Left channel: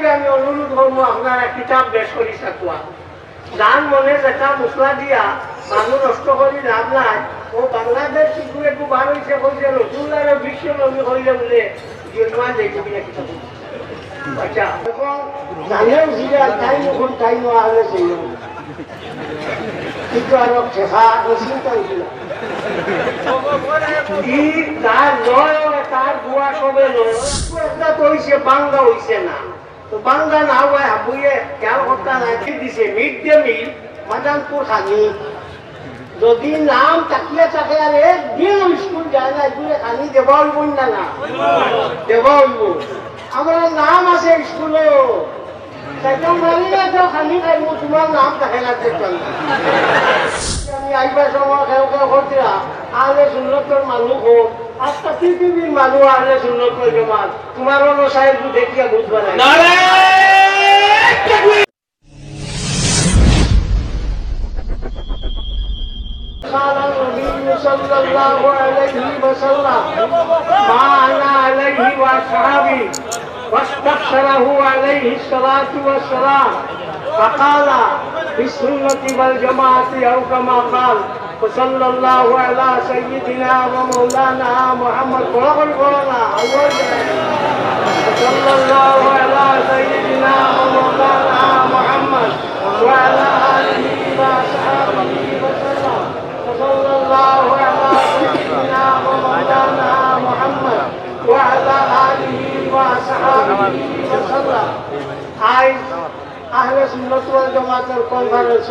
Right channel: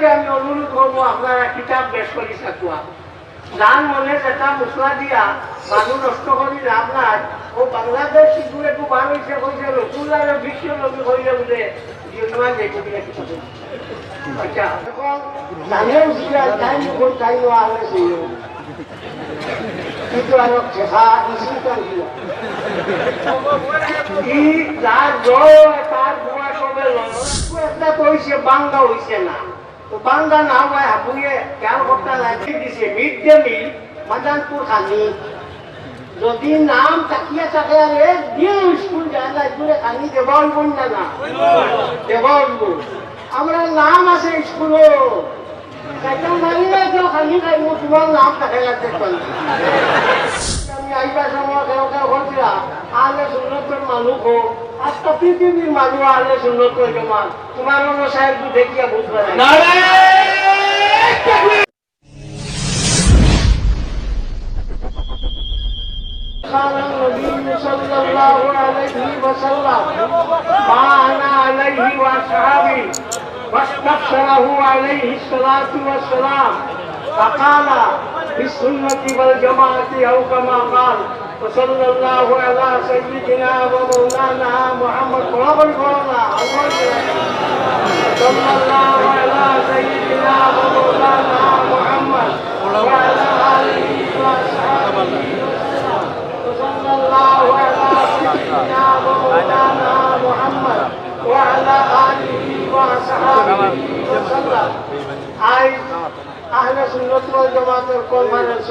আপনাকে আমি অনুরোধ করব আপনারা কিতাব বেশ করি যার মনে যেটা মশলা দিয়া মানুষ নষ্ট করি ও বাংলাদেশ একটু বার হয়েছে বলছে বিশ্ব হইলে বলে কিতাব তার বাংলা হইছে না। তো বাংলা না হয় হাবুয়ে কেউ একটা লাগি দিছে মিড ডে মিল মাদানপুর খানি যদি নাম তাকিয়ে থাকে আর একদিন স্কুল যায় না স্কুলে খানি দেব উঠবুন না না দেব উঠবুন আমরা নাম আছে স্কুলে সেখান মানিলে তো খানি খাইব তোমার নাম থাকে না আমি আইবার সময় কেউ হচ্ছিলা আলে সুন্দর মানুষ হোক আজটা পৃথিবীর মানুষ আলে সুন্দর জমান তোমার অন্য সাহেব দেখিয়া বুঝবে না قال النبي صلى الله عليه وسلم ما انا عليه واصحابي واستبشره عليه الصلاه والسلام فقال بالسنه والجماعه او كما قال وصلى الله على سيدنا ومولانا محمد قرب القرآن صلى الله على سيدنا ومولانا محمد وعلى آله وصحبه. وصلى الله على سيدنا ومولانا محمد وعلى آله وصحبه. وسلم آية. أهل سنة والجماعة الكونفرنس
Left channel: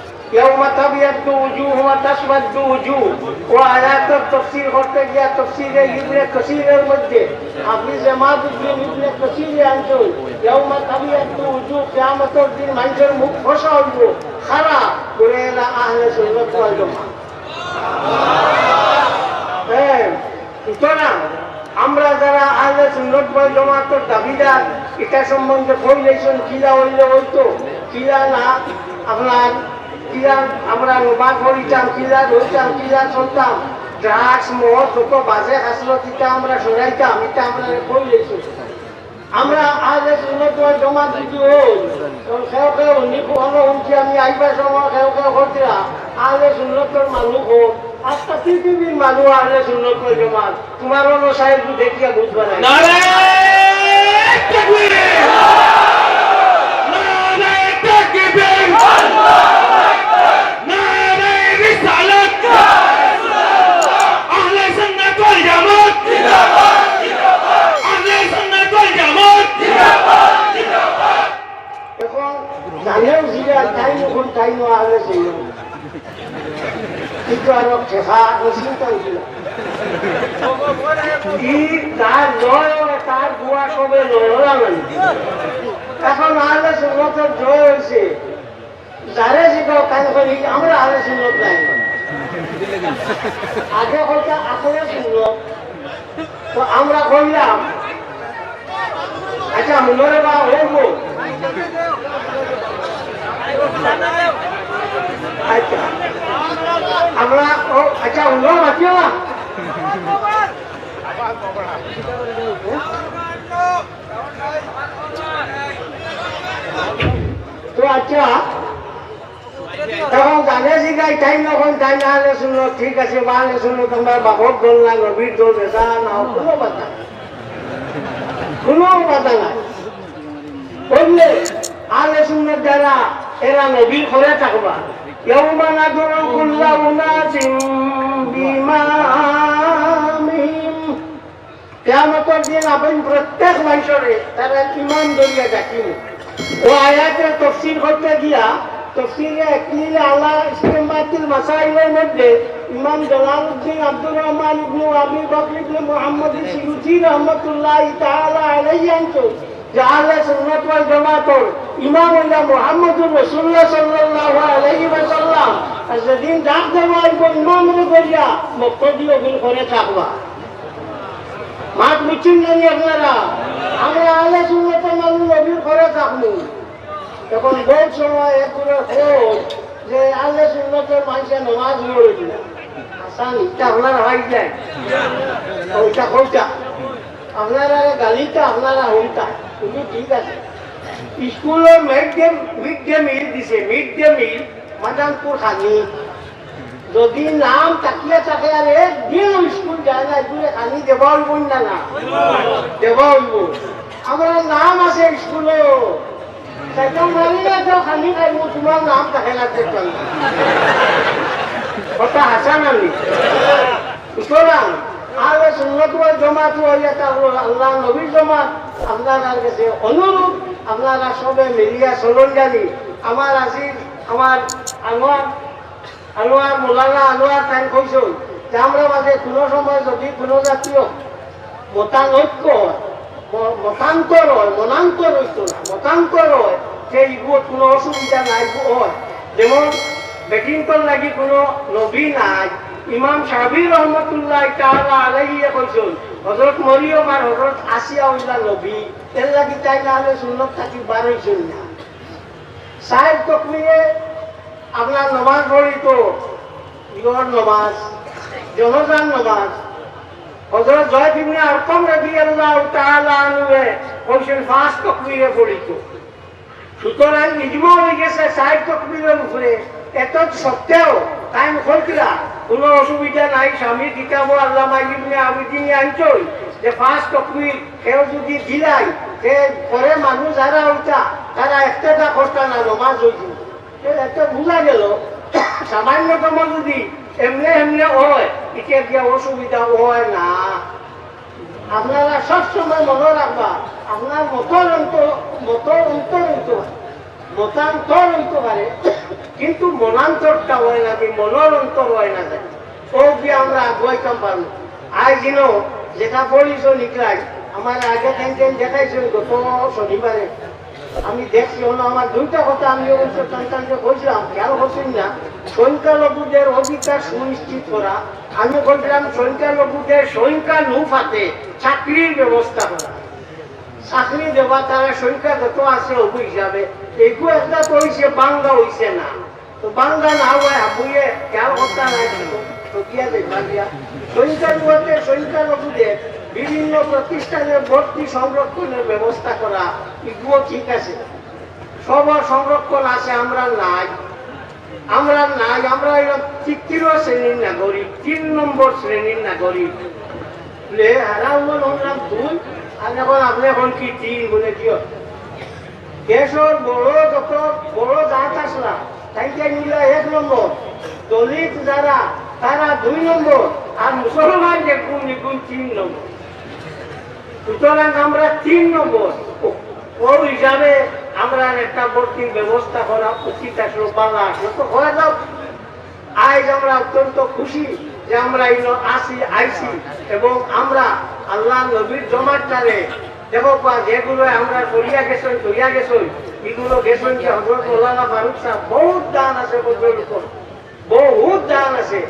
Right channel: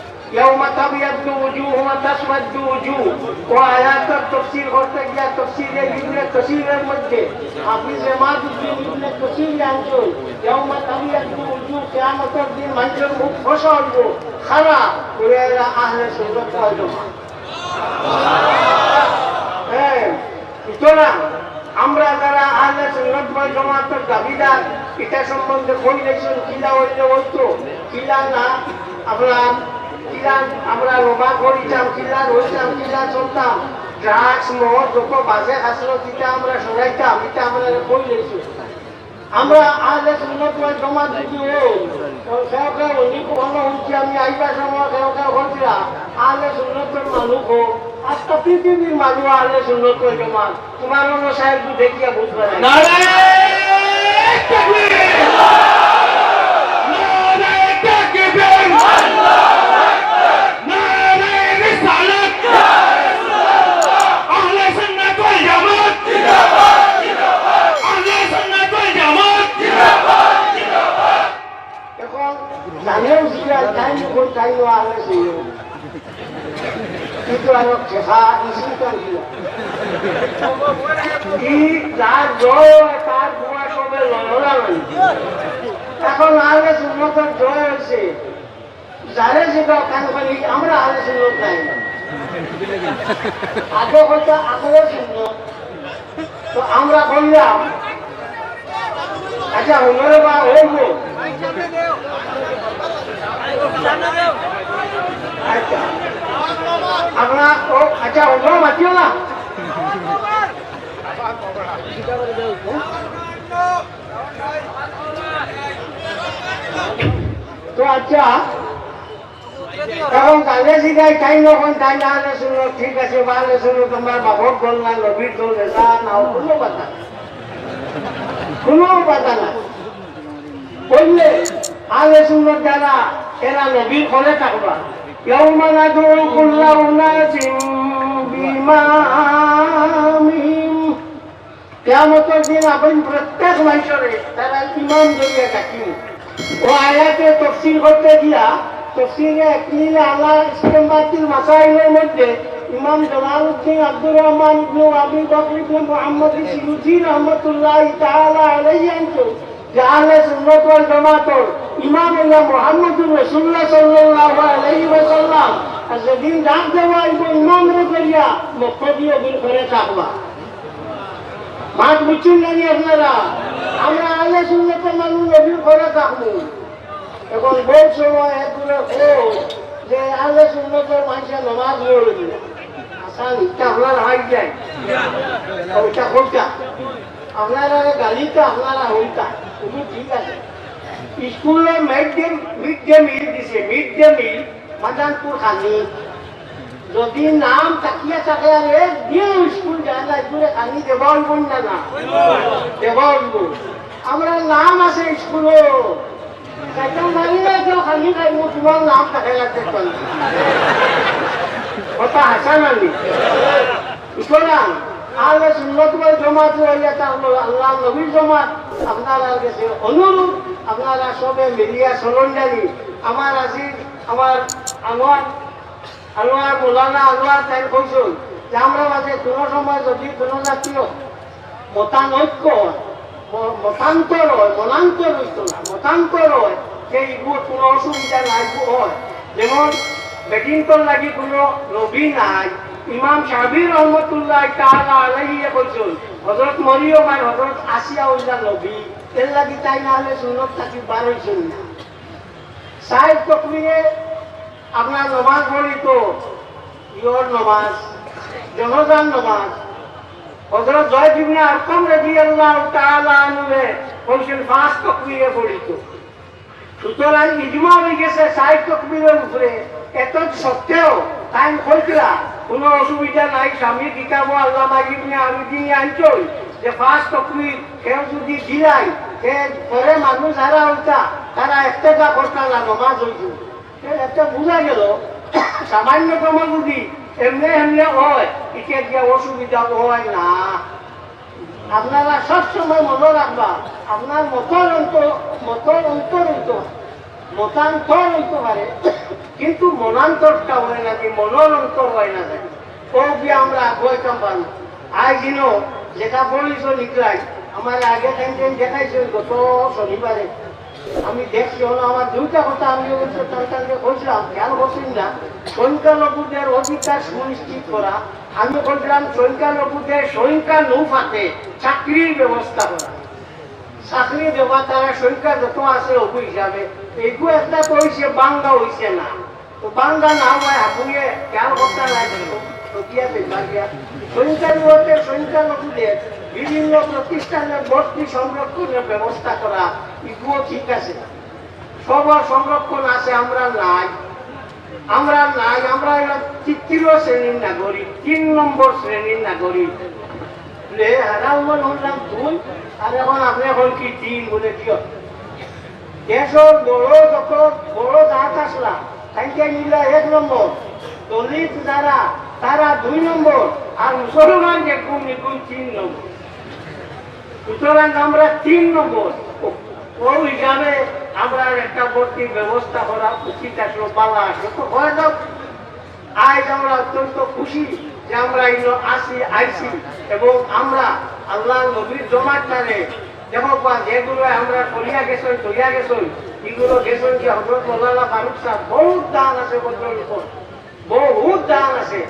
يوم تبيض وجوه وتسود وجوه وآيات التفسير করতে গিয়া তফসিরে ইবনে কাসিরের মধ্যে আপনি জামাতুদ্দিন ইবনে কাসিরে আনছো يوم تبيض وجوه কিয়ামতের দিন মানুষের মুখ ফসা হইব খারাপ করে এরা আহলে সুন্নাত ওয়াল জামাত হ্যাঁ সুতরাং আমরা যারা আহলে সুন্নত ওয়াল জামাতের দাবিদার এটা সম্বন্ধে বই লেখছেন কিলা হইলে হইতো কিলা না আপনার কিলা আমরা নমাজ পড়িতাম কিলা হইতাম কিলা চলতাম ড্রাগস মদ যত বাজে হাসরত এটা আমরা সরাইতাম এটা আমরা বই লেখছি আমরা আহলে সুন্নত ওয়াল জামাত যদি হই উনি কোনো হচ্ছে আমি আইবার সময় কেউ হচ্ছে আহলে সুন্নতের মানুষ হোক আজটা পৃথিবীর মানুষ আহলে সুন্নত ওয়াল জামাত। তোমার অন্য সাহেব দেখিয়া বুঝবে না জানেন সিরা টাইম কোন টাইম আহলে সুন্নত কিন্তু আর শেখা মুসলিমটা উঠিল ই যার লয় তার বুয়া সবে লড়াবেন এখন আহলে সুন্নতের জয় হয়েছে যারে শিখাও কাজ করি আমরা আহলে সুন্নত নাই আগে হয়তো আহলে সুন্নত তো আমরা করলাম আচ্ছা হুনরে বা হইব আচ্ছা আচ্ছা তো আচ্ছা শিখাই টাইম যখন টাইম আলে শুনো, ঠিক আছে, বা আলে শুনো, তোমরা বাবক দল না নবীর দল, নেতা না কোনো কোনো কথা না বললে আলে শুনো এরা নবীর ঘরে থাকবা। يوم ندعو كل أناس بإمامهم কেয়ামতের দিন আপনি প্রত্যেক মানুষরে তারা ইমান দরিয়া ডাকিব ও আয়াতে তফসিল করতে দিয়া তফসিলে একটি আল্লাহ ইসলামাতিল মাসাইলের মধ্যে ইমাম জালালউদ্দিন আব্দুর রহমান ইবনে আবি বকর ইবনে মুহাম্মদ সিউজি রহমাতুল্লাহ তাআলা আলাইহি আনছো যে আহলে সুন্নাত ওয়াল জামাতর ইমাম হইল মুহাম্মদুর রাসূলুল্লাহ সাল্লাল্লাহু আলাইহি ওয়াসাল্লাম আর যেদিন ডাক দেওয়া হইব ইমাম করিয়া মক্তদিও দিন করে থাকবা। মাঠ বুঝছেন নানি আপনারা। আমরা আলে সুন্নতে মানুষ নবীর ঘরে থাকব। এখন বহু সময় এগুলো খোঁজ যে আলে সুন্নতে মানুষে নমাজ পড়ে দিল আসান ইটা আপনার হয় যায়। ওইটা খোঁজটা আপনারা গালিটা আপনারা হইতা তুমি ঠিক আছে। স্কুলে mid day mid day meal দিছে। মিড ডে মিল মাদানপুর খানি যদি নাম তাকিয়ে থাকে আর একদিন স্কুল যায় না স্কুলে খালি দেব হইব না না দেব হইব আমরা নাম আছে স্কুলে সেখান মানিলে তো খালি খাইব তোমার নাম থাকে না কথা হাসা নানি সুতরাং আগে সুন্নত জমাত হইলে থাকল আল্লাহ নবীর জমাত আপনার কাছে অনুরোধ আপনারা সবে মিলিয়া চলন জানি আমার আসির আমার আনোয়ার আনোয়ার মোলানা আনোয়ার তাই কৈছো যে আমরা মাঝে কোনো সময় যদি কোনো জাতীয় মতানৈক্য মতান্তর মনান্তর হইতো না মতান্তর হয় সেই কোনো অসুবিধা নাই যেমন বেকিংটন লাগি কোনো নবী নাই, ইমাম সাহাবি রহমতুল্লাহ তাআলা আলাইহি কইছেন হযরত মরিয়ম আর হযরত আসিয়া হইলা নবী এর লাগি তাই না হলে সুন্নত থাকি বার হইছেন না। সাহেব তকলিয়ে আপনার নমাজ পড়ি তো ইগর নমাজ জনজান নমাজ হজরত জয় ইবনে আরকম রাদিয়াল্লাহু তাআলা আনহু কইছেন ফাঁস তকবীরে পড়িত। সুতরাং ইজমা হয়ে গেছে ষাট তকবীরের উপরে। এত সত্ত্বেও তাই কইতরা কোনো অসুবিধা নাই, স্বামী কিতাব আল্লামা ইবনে আবিদিন আনছই যে ফাঁস তকবীর কেউ যদি দিলাই, সে পরে মানুষ যারা হইতা তারা একটা করতা না নমাজ হইত সামান্য কাম যদি এমনি এমনি হয়, একে গিয়ে অসুবিধা হয় না। আপনারা সবসময় মনে রাখবা, আপনার অন্তর মতান্তর হইতে পারে, কিন্তু মনান্তরটা হয় না কি মনের অন্তর হয় না যায় ও গিয়ে আমরা আগুয়াইতাম পারব আজ দিন যেটা বলিস নিকলাই আমার আগে দেখাইছিল গত শনিবারে। আমি দেখছি আমার দুইটা কথা আমি করছেন না? সুনিশ্চিত করা। আমি বলছিলাম সংখ্যালঘুদের সংখ্যা নৌফাতে চাকরির ব্যবস্থা করা। চাকরি দেওয়া তারা সংখ্যা যত আছে অবু হিসাবে। এগু একটা তো হইছে বাংলা হইছে না। তো বাংলা না হয় হাবুয়ে খেয়াল সংখ্যালঘুদের সংখ্যালঘুদের বিভিন্ন প্রতিষ্ঠানে ভর্তি সংরক্ষণের ব্যবস্থা করা, এগুলো ঠিক আছে। সবার সংরক্ষণ আছে, আমরা নাই। আমরা নাই, আমরা তৃতীয় শ্রেণির নাগরিক, তিন নম্বর শ্রেণির নাগরিক। দুই আর এখন আপনি এখন কি বলে দিও? বড় মিলা এক নম্বর। যারা, তারা দুই নম্বর। আর মুসলমান যে কোন নিগুণ তিন নম্বর? সুতরাং আমরা তিন নম্বর। ওর হিসাবে আমরা একটা ভর্তির ব্যবস্থা করা উচিত আসলো বাংলা আসলো হয়ে যাও আজ আমরা অত্যন্ত খুশি যে আমরা এই আসি, আইসি এবং আমরা আল্লাহ নবীর জমাটারে দেখো বা যেগুলো আমরা করিয়া গেছই করিয়া গেছই, এগুলো গেছই যে হজরত মৌলানা ফারুক সাহেব, বহুত দান আছে উপর। বহুত দান আছে।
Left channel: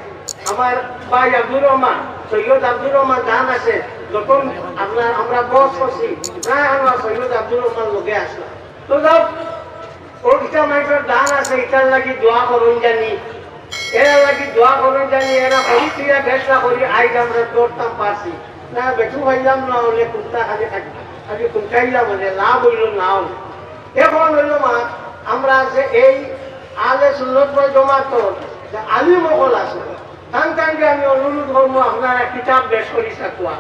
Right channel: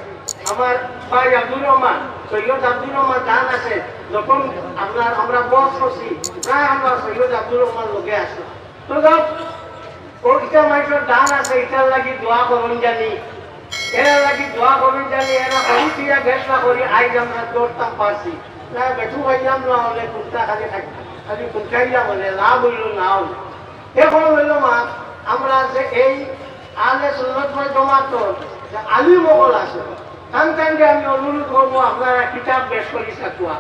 আমার ভাই আব্দুর রহমান, সৈয়দ আব্দুর রহমান দান আছে। যখন আপনার, আমরা বস করছি প্রায় আমরা সৈয়দ আব্দুর রহমান লোকে আসলো। তো যাও ও ইটার মানুষের দান আছে, ইটার লাগি দোয়া করুন জানি। এরা লাগি দোয়া করুন জানি, এরা অহিতিয়া ফেসলা করি, আইজ আমরা দৌড়তাম পারছি। না, বেঠু হইলাম না হলে কুত্তা খালি খালি কুত্তাইলাম হলে লাভ হইল না হলে এখন হইল মা, আমরা যে এই আলে বই জমা তো যে আলি মহল আছে তান তানকে আমি অনুরোধ করব, আপনারা কিতাব বেশ করি থাকুয়া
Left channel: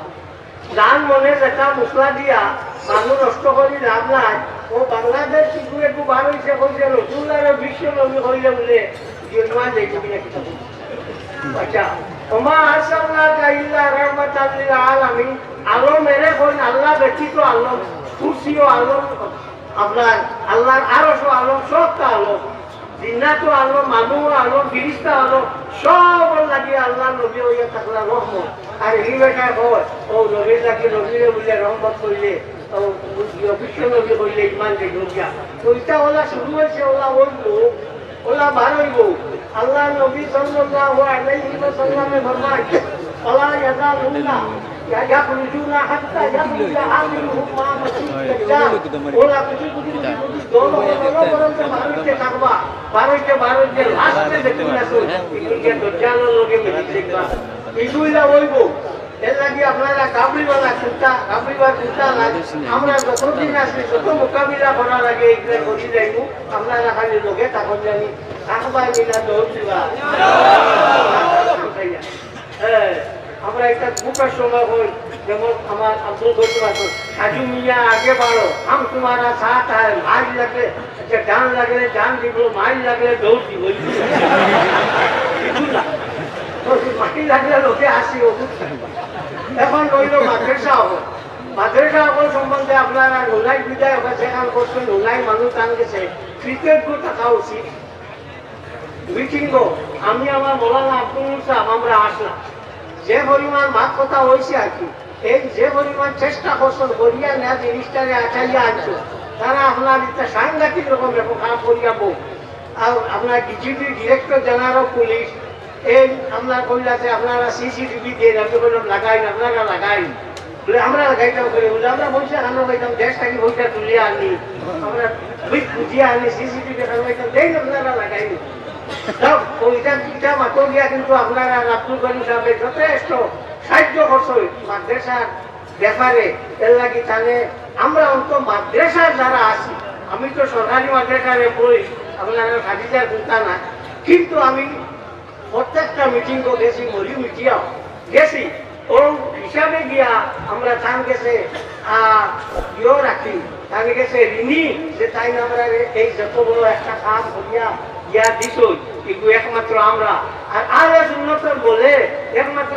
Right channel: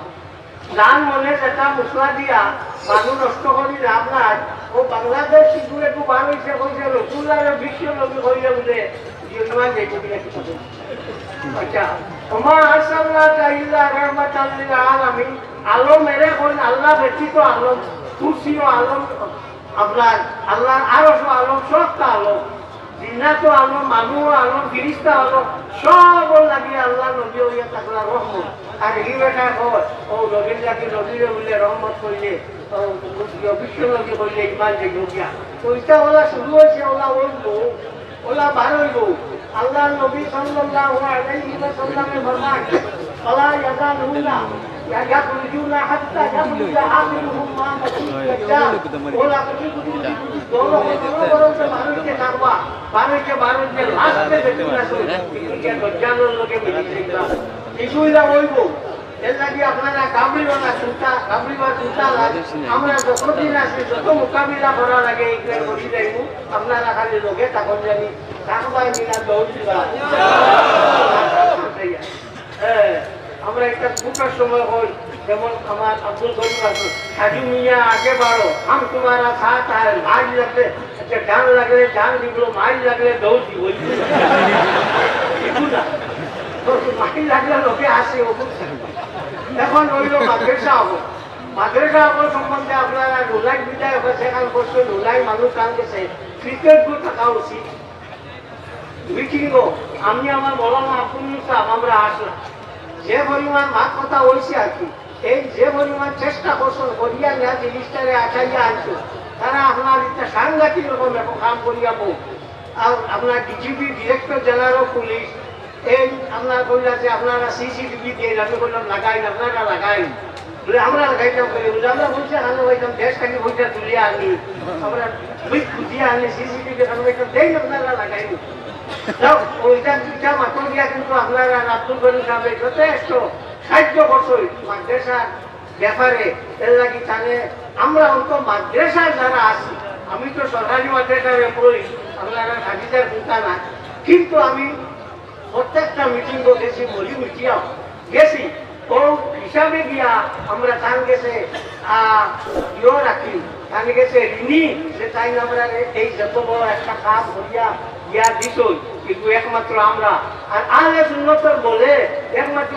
যার মনে যেটা মশলা দিয়া মানুষ নষ্ট করি লাভ নাই, ও বাংলাদেশ শিশু একটু বার হয়েছে বলছে রসুল্লাহ বিশ্ব নবী হইলে বলে কিতাব আচ্ছা আলমের আল্লাহ ব্যতীত আলম কুরসিও আলম আপনার জিন্নাতো আলম মানুষ আলম ফিরিস্তা আলম সব লাগিয়ে আল্লাহ নবী হইয়া থাকলা রহমত। আর এই বেটায় হয় ও নবীর লাগে নবীরে বলে রহমত করলে বিশ্ব নবী করলে ইমান দেখুন তো ইটা বলা শুরু হয়েছে ওলা লোক ওলা ভালো লোক আল্লাহ নবী সাল্লাল্লাহু আলাইহি ওয়াসাল্লামের ফরমান ওলা ইয়াজালুনা আপনারা কামড়িবেলা চিন্তা কামড়িবার চিন্তা আমরা যতদিন আসি যত মোকাবিলা করা লাগে এইখানে হ্যাঁ আমরা একটা দুটা স্বভাব হই, যেমন আমার আব্দুল গফুর আছে হাজি মিয়া, আগে বাড়ো হাম তোমারা সাথ আর মার লাগলে ডান লাগলে ডান দিব, মার লাগলে দৌড় দিব মাটি লাগলে লোকে আসে এখন বলল, মাদ্রাসা হব। মাদ্রাসা হব সম্বন্ধে আপনারা রোলাই বিদায় হবে সেখান করছে রোলাই মানুষ আনছে ফ্রিকুয়েন্টলি থাকা উচিত। আমি আমার মৌলানা আব্দুল সাহেব আমরা আসলাম। যে পরিমাণ কথা হয়েছে আর কি, এই যে পরিমাণ চেষ্টা করছেন করিয়া না জিনিসটারে আচাইয়া আনছো তারা আপনার একটা সাংঘাতিক রকম একটা কাম করিয়া বউ। আর আপনার ডিজিপি ডিরেক্টর জেনারেল পুলিশ এই আপনার কইলা যে আপনারা সিসিটিভি দিয়ে আমি বললাম লাগাই আপনারা লাগাই। বলে আমরা লাগাইতাম করে আমরা বলছে, আমরা ওইতাম দেশ থেকে তুলিয়া আনি। আমরা আনি সিসিটিভি দেই না, আপনারা কিন্তু আমি তো সরকারি আপনারা খাদিজার না কিন্তু আমি প্রত্যেকটা মিটিং গেছি মরি মিটিয়াম গেছি ও হিসাবে গিয়া আমরা থান গেছে ইয়ে রাখি থান গেছে ঋণী যে তাই আমরা এই যত একটা কাজ করিয়া ইয়া দিছই কিন্তু একমাত্র আমরা। আর আর উন্নত বলে, একমাত্র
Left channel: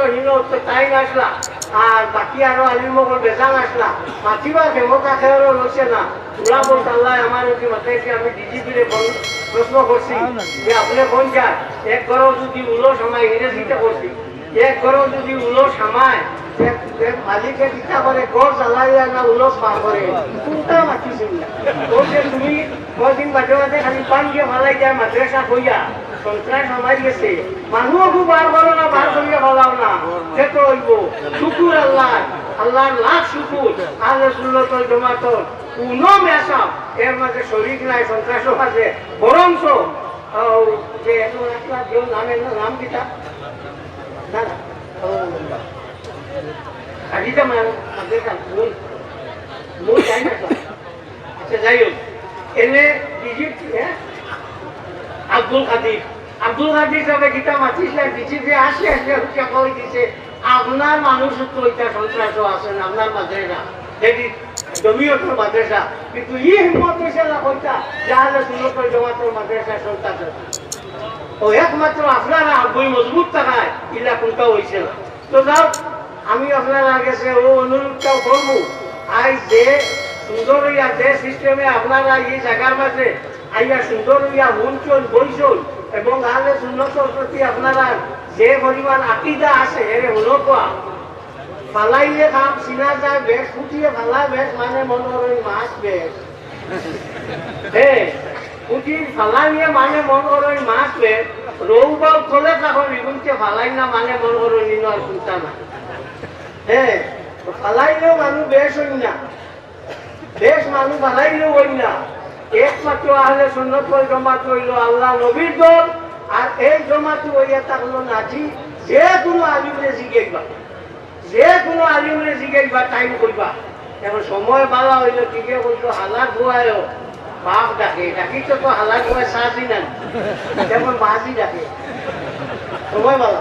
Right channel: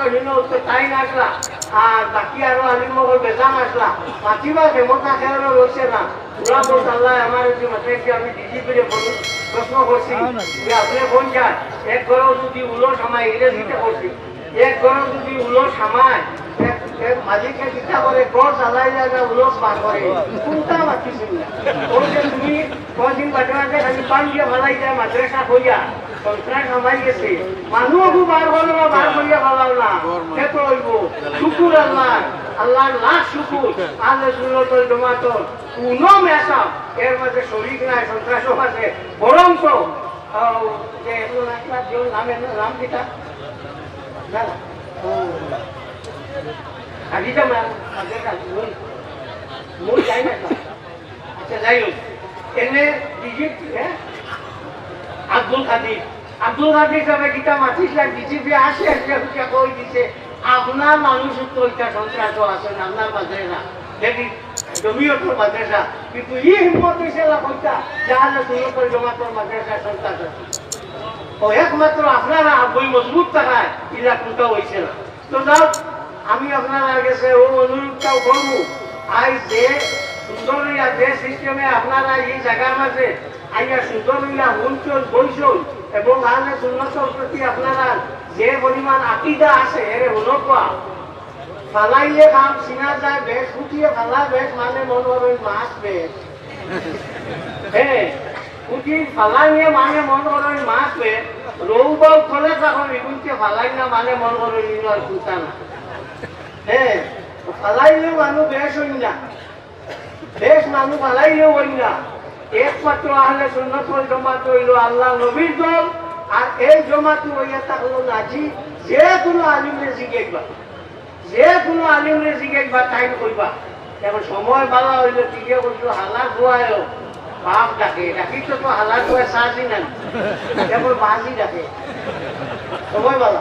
তো তাই আসলা আর বাকি আরও আলিমগর বেজাল আসলা মাতিবা দেবতা খেয়ারও রয়েছে না। পুরা বলতে আল্লাহ, আমার যদি মাথায় আমি ডিজি করে প্রশ্ন করছি, যে আপনি কোন যায় এক ঘরেও যদি উলো সময় ইংরেজিতে করছি, এক ঘরেও যদি উলো সামায় মালিকে চিন্তা করে ঘর চালাইয়া না উলস পার করে কোনটা মাতিছিল বলছে তুমি কদিন বাজে বাজে খালি পান দিয়ে ভালাই যায় মাদ্রাসা হইয়া সন্ত্রাস হামাই গেছে মানুষও খুব বার ভালো না বার করিয়া ভালাও না দেখো হইব শুকুর আল্লাহ আল্লাহর লাখ শুকুর আল্লাহ সুন্নত জমাত কোনো মেশা এর মাঝে শরীর নাই সন্ত্রাসও আছে বরঞ্চ যে এখন একটা কেউ নামে নাম দিতা না আব্দুল কাদির আব্দুল কাদির সাহেব গীতা মাতিস দিছি যে আসে আপনার মানুষ তো এটা সন্ত্রাস আছেন আপনার মাঝে না দেখি, জমিও তো মাদ্রাসা। কিন্তু ই হিম্মত হয়েছে না কইতা জমাতের মাদ্রাসা সন্ত্রাস ও একমাত্র আপনারা বই মজবুত থাকায়, ইলা কোনটা না। তো যাও আমি আপনারা গেছে ও অনুরোধটাও করব। আই যে সুন্দর হইয়া যে সিস্টেমে আপনারা এই জায়গার মাঝে আইয়া সুন্দর হইয়া হুনচল বইচল এবং আহলে সুন্নতর প্রতি আপনারা যে পরিমাণ আকিদা আছে এর উন্নত ফালাইলে কাম চিনা যায়, বেশ ফুটিয়ে ফালা, বেশ মানে মন করেন মাছ, বেশ। হ্যাঁ ফুটি ফালাইয়ে মানে মন করেন মাছ, বেশ। রৌবাও খোলে তখন রিগুনকে ফালাই না মানে মন করেন নিন আর চিন্তা না হ্যাঁ ফালাইলেও মানুষ বেশ হই না। বেশ মানুষ ফালাইলেও হই না। একমাত্র আহলে সুন্নত ওয়াল হইল আল্লাহ নবীর দল, আর এই জমাত হইয়া থাকল নাজি। যে কোনো আলিমরে জিজ্ঞেসবা যে কোনো আলিমরে জিজ্ঞেসবা টাইম করবা কেন সময় বালা হইলে ঠিকই বলতো হালাত ধোয়ায়ও বাপ ডাকে ডাকি তো হালাত ধোয়ায় সাজি না যেমন বাজি ডাকে। সময় বালা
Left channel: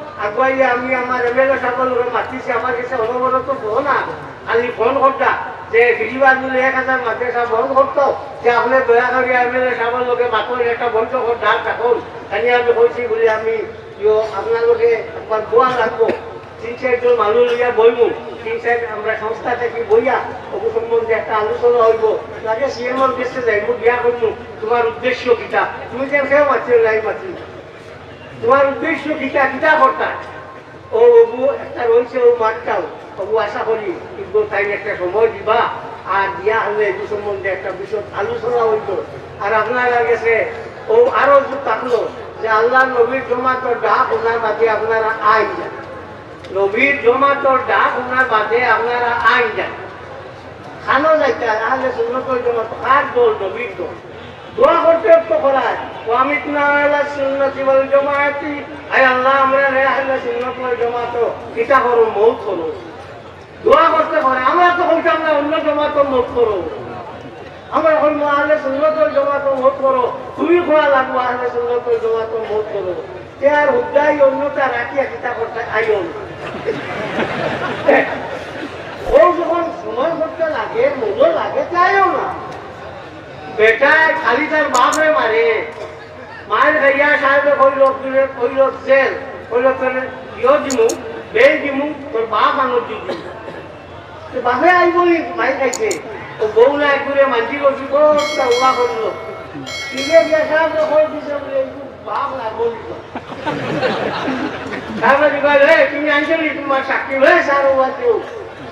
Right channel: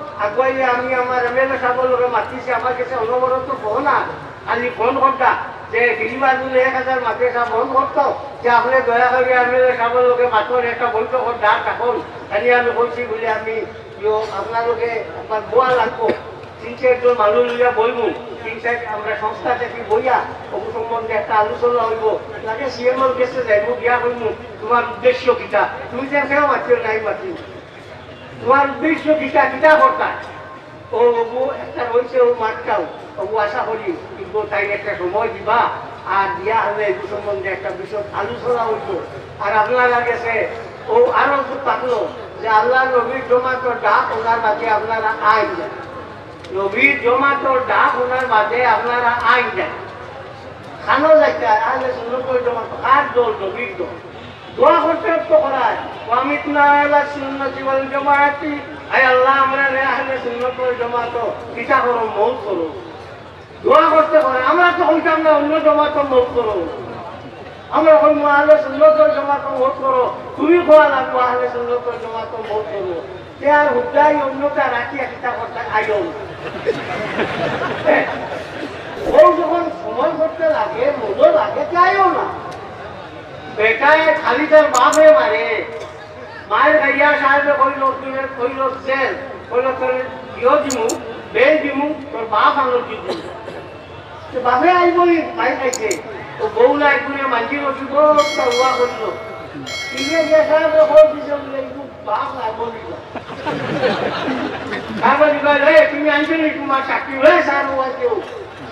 আগুয়াইলে আমি আমার এমএলএ সাহেবের মাতিছি আমার কাছে অনবরত বহু না। আমি ফোন করতা যে বেশিরভাগ দিলে এক হাজার মাতে ফোন করতো যে আপনি দয়া করে এমএলএ সাহেবের মাতুন একটা বৈঠক ডাক থাকুন তাই আমি কইছি বলে আমি আপনালোকে আমার দোয়া রাখব তিন চারজন মানুষ লিয়া বলব তিন চার আমরা সংস্থা থেকে বইয়া ওগু সম্বন্ধে একটা আলোচনা হইব। তাকে সিএমওর কাছে যাইব বিয়া করব তোমার উদ্দেশ্য কিটা তুমি যে খেয়েও মাত্র নাই মাত্র তোমার উদ্দেশ্য কিটা কিটা কর্তা ও ওগু একটা রয়েছে ও মাঠটাও। ওগু আশা করি কিন্তু তাই একটা সময় দিবা। আর দিয়া হলে এই সম্বন্ধে একটা বিষয় আলোচনা হইব আর আপনারা গেছে ও আরও থাকল যে আল্লাহ নবীর জমাতর ডাক ওনার মাঝে আপনারা আইন যান নবীর জমাতর ডাক ওনার মাঝে আপনারা আইন যান খানো যাইতে আহলে সুন্দর করে জমা কার দল নবীর দল? দোয়া করতে তো করায় ওয়ামিত নালা সুন্নতি ওয়াল জামাআতি আয় আল্লাহ, আমরা রে আহলে সুন্নাত ওয়াল জামাত কিতা করো মৌত করো দোয়া করতে পারে, আমরা তো হইতে আমরা অন্য জামাত মৌত করো আমরা এখন আহলে সুন্নাত ওয়াল জামাত মৌত করো তুমি কোয়া লাগবো আহলে সুন্নাত ওয়াল জামাত মৌত করো তে আর হুদাই অন্যতা রাখিয়া কিতা করতে আইও না ও যখন সময় করতে লাগে মূল্য লাগে যাইও না বেটা খালি তার বাপরে মারে। মায়ের গাইয়া সাহেব কইল কইল জেল কইল তোর ইয় দিমু বে দিমু তোর বাপ আনো দিবি। তো বাপে আইব মাই খাইছে ও বউ নাই করে মাঝি ওষুধ একটা ওয়া করল। তিনে দিয়া সাহেব কই দিছে বাপ নাই বলি তারপর তুমি আনছিলি তোমার চাকরি হয়ে স্যার ওয়া কেউ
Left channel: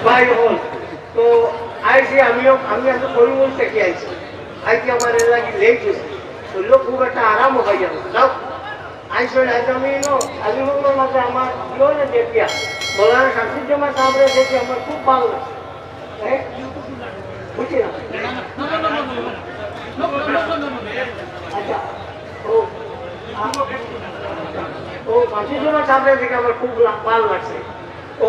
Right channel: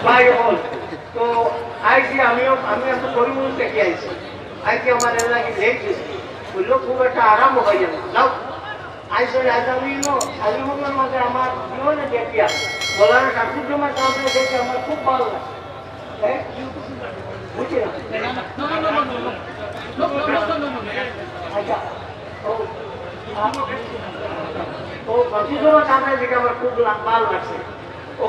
ભાઈ હોય તો આઈથી અમે અમે તો કોઈ બોલ શકીએ છીએ આઈથી અમારે લાગી લઈ જશે બોલો ખૂબ એટલે આરામ હોય એમ જાઓ આઈ સોડે આજે અમે એનો અનુભવના માટે અમાર જોયો ને દેખ્યા બોલાને ઠાકુરજીમાં સાંભળે છે કે અમારે ખૂબ ભાવ લાગે પૂછી અચ્છા ઓ ও কাশিপুর সামনে থেকে আমার খুব মাল মারছে ও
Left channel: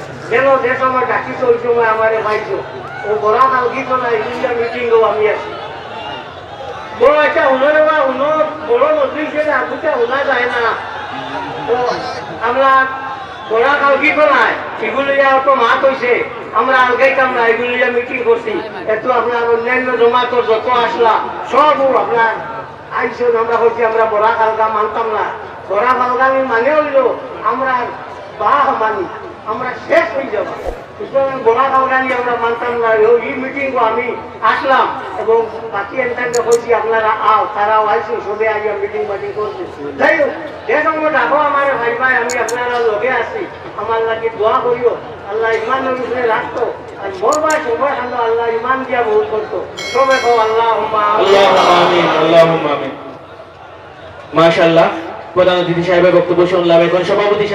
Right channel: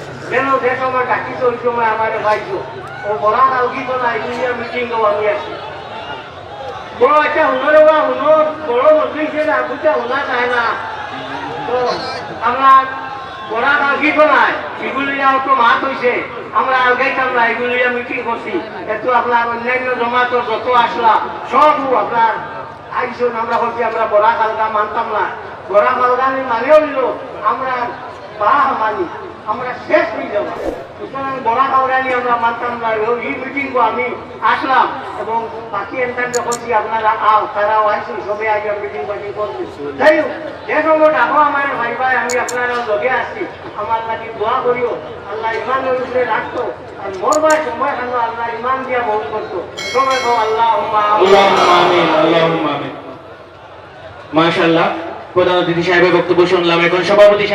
কেন যে সময় ডাকিস ওই সময় আমার ভাইছো ও বড়া কালকি বলা ইন্ডিয়া মিটিং আমি আসি বড় একটা হুনরে বা হুনো বড় মন্ত্রী না বুঝতে শোনা যায় না। আমরা বড়া কালকি বলাই এগুলি তো মাত হয়েছে আমরা আলগাইতাম না এগুলি মিটিং করছি। এত আপনার অন্যান্য জমাতো যত আসলা, সব আপনার আইসন আমরা করছি আমরা বড়া কালকা মানতাম না। বড়া কালকা আমি মানে হইল আমরা বাহ মানি আমরা শেষ হয়ে যাব। সুতরাং গোড়া প্রধান অতিথি সাহেবের বক্তব্য শুনলাম। এখন সভাপতি